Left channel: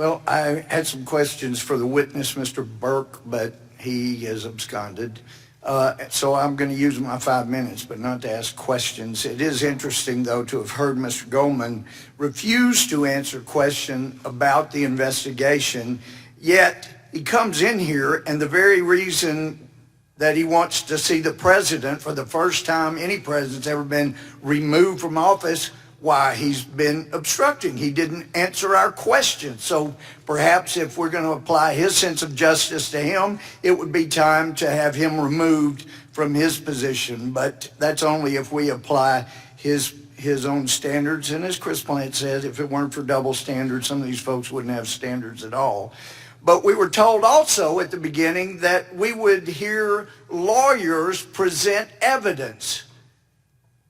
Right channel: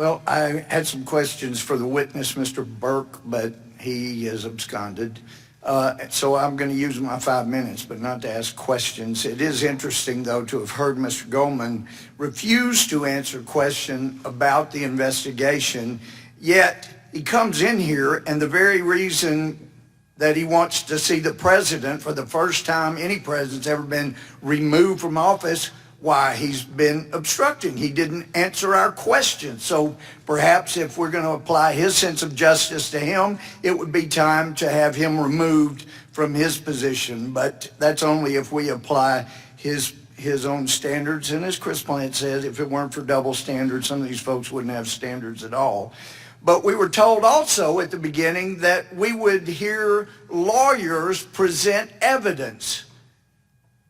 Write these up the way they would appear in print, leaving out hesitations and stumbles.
Well, I had some questions for the witness, Mr. Burke, but he has absconded. So I'm going to use my 5 minutes, but not to ask questions. It is interesting, though, to have heard Mr. Gohmert refuse to answer a question about the investigation, yet he comes in here, and the very reason that he wants to see the president for the first time any president's ever been removed from office, why, he's been obstructing. He didn't answer our questions. So perhaps if we're going to apply his sense of justice to him, it would be time to have him removed from his position. But that's only if we apply his own standards. And as Chris Plant said, if it weren't for double standards, some of these folks wouldn't have standards at all. But we were told also at the beginning that we would hear lawyers present evidence.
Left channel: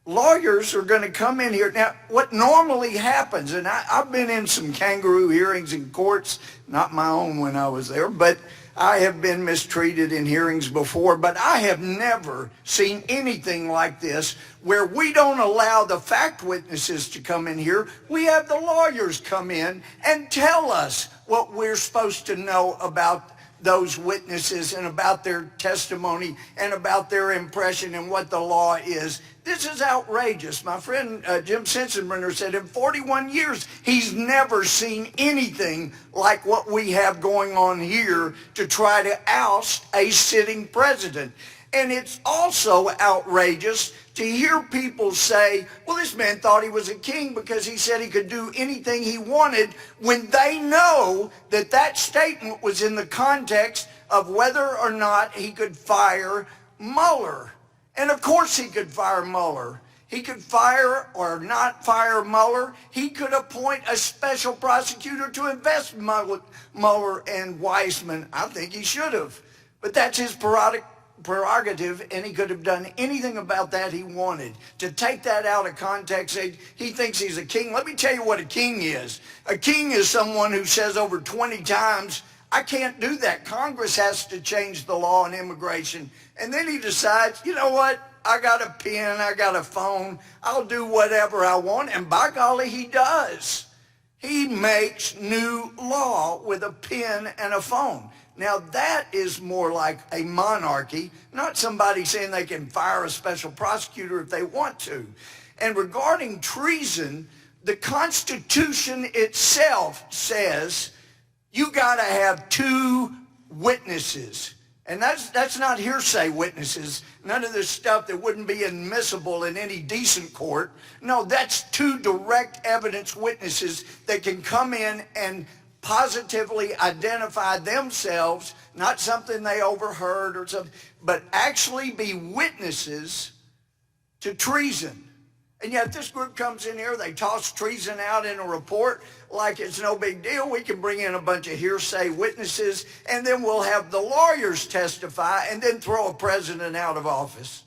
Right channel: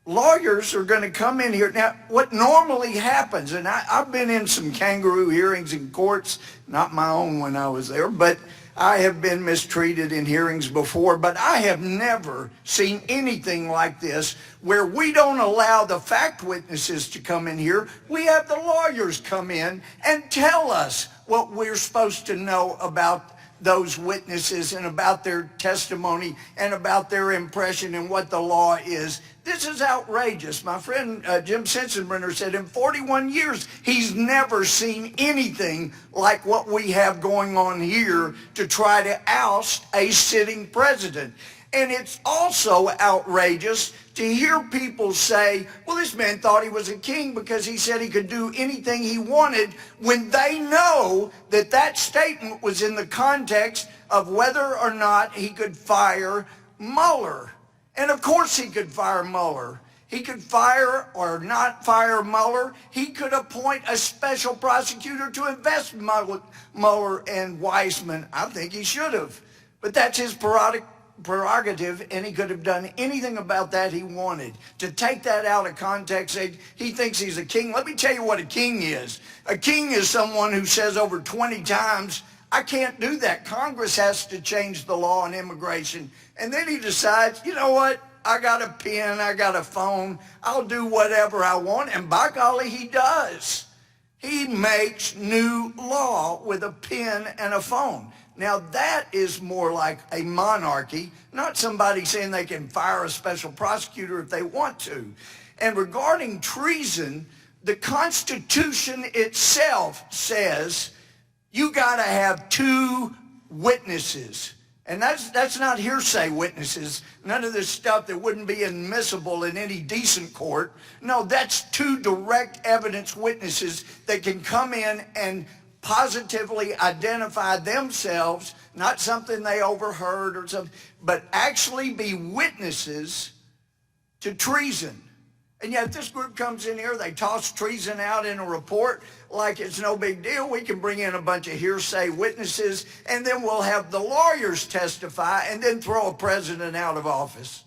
Lawyers are going to come in here. Now, what normally happens, and I've been in some kangaroo hearings in courts, not my own when I was there, but I have been mistreated in hearings before, but I have never seen anything like this where we don't allow the fact witnesses to come in here. We have the lawyers come in and tell us what we're supposed to know about those witnesses and about their testimony and about their impression and what the law is. This is outrageous. My friend Jim Sensenbrenner said in 41 years, he's never seen anything like what we have going on here to try to oust a sitting president. And it's also outrageous to hear people say, well, this man thought he was a king because he said he could do anything he wanted, when they know that that statement was in the context of whether or not he could fire Mueller. And of course he could fire Mueller. He could fire or not fire Mueller. He could appoint a special prosecutor to investigate Mueller and Weissman. I think he should have. But that's his prerogative, and he could have done anything about that he wanted. To take that out of context, he thinks he's a king. Let me tell you what a king is. A king is someone who says over 20 times, I can't do that. Congress has to change the law on immigration. And then he decides, you know what? I got a pen, I got a phone, I'll do whatever I want. And by golly, he does. He makes new law with a pen and a phone. Now that is more like a monarchy, not somebody saying they can fire a special prosecutor if they want to. And regarding treason, the Constitution itself says you got to have two witnesses. And that's not hearsay witnesses, none of this stuff that wouldn't be admissible in any decent court. No, that's two direct evidence witnesses that can come in and positively identify themselves, not something they overheard or something, but actually be witnesses to treason. And yet this group comes in here, they toss treason out in a report like it's no big deal. We can bring in a bunch of hearsay witnesses, and then we'll have the lawyers testify and then throw a president out of office.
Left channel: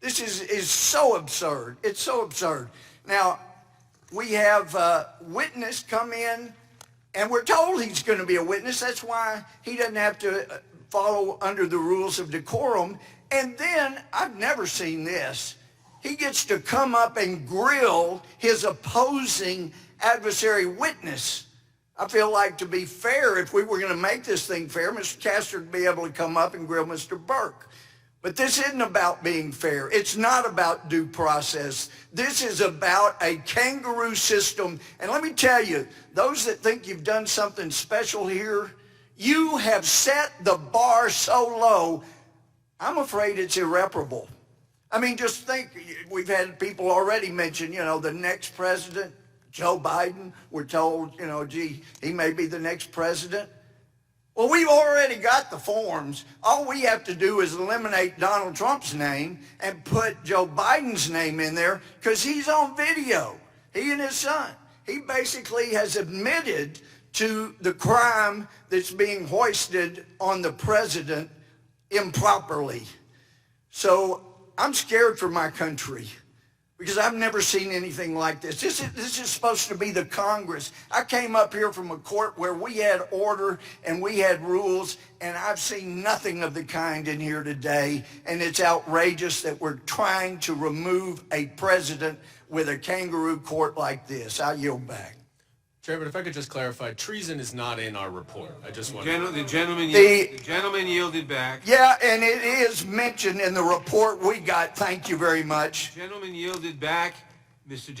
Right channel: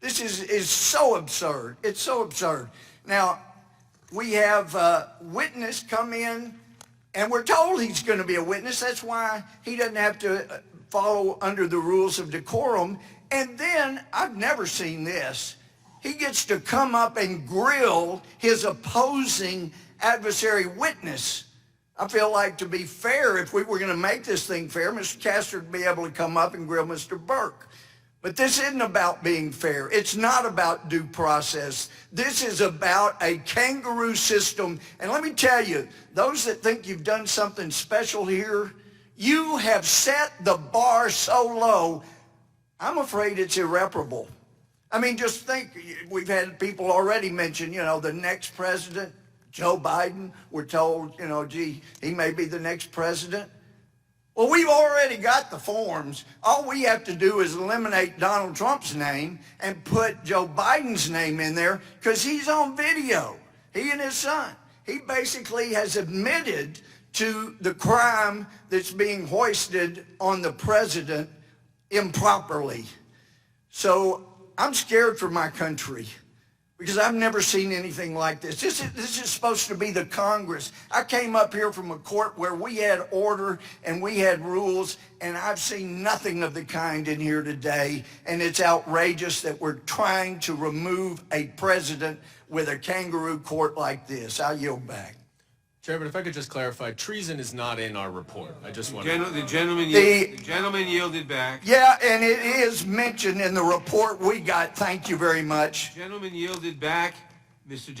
This is so absurd. It's so absurd. Now, we have a witness come in, and we're told he's going to be a witness. That's why he doesn't have to follow under the rules of decorum. And then, I've never seen this, he gets to come up and grill his opposing adversary witness. I feel like, to be fair, if we were going to make this thing fair, Mr. Castor would be able to come up and grill Mr. Burke. But this isn't about being fair. It's not about due process. This is about a kangaroo system. And let me tell you, those that think you've done something special here, you have set the bar so low, I'm afraid it's irreparable. I mean, just think, we've had people already mention, the next president, Joe Biden. We're told, gee, he may be the next president. Well, we've already got the forms. All we have to do is eliminate Donald Trump's name and put Joe Biden's name in there because he's on video, he and his son. He basically has admitted to the crime that's being hoisted on the president improperly. So I'm scared for my country because I've never seen anything like this. This is supposed to be the Congress. I came up here from a court where we had order and we had rules, and I've seen nothing of the kind in here today. And it's outrageous that we're trying to remove a president with a kangaroo court like this. I yield back. Chairman, if I could just clarify, treason is not in our report. I just want The gentleman yielded back. Yeah, and it is mentioned in the report we got. Thank you very much. The gentleman yielded back, Mr.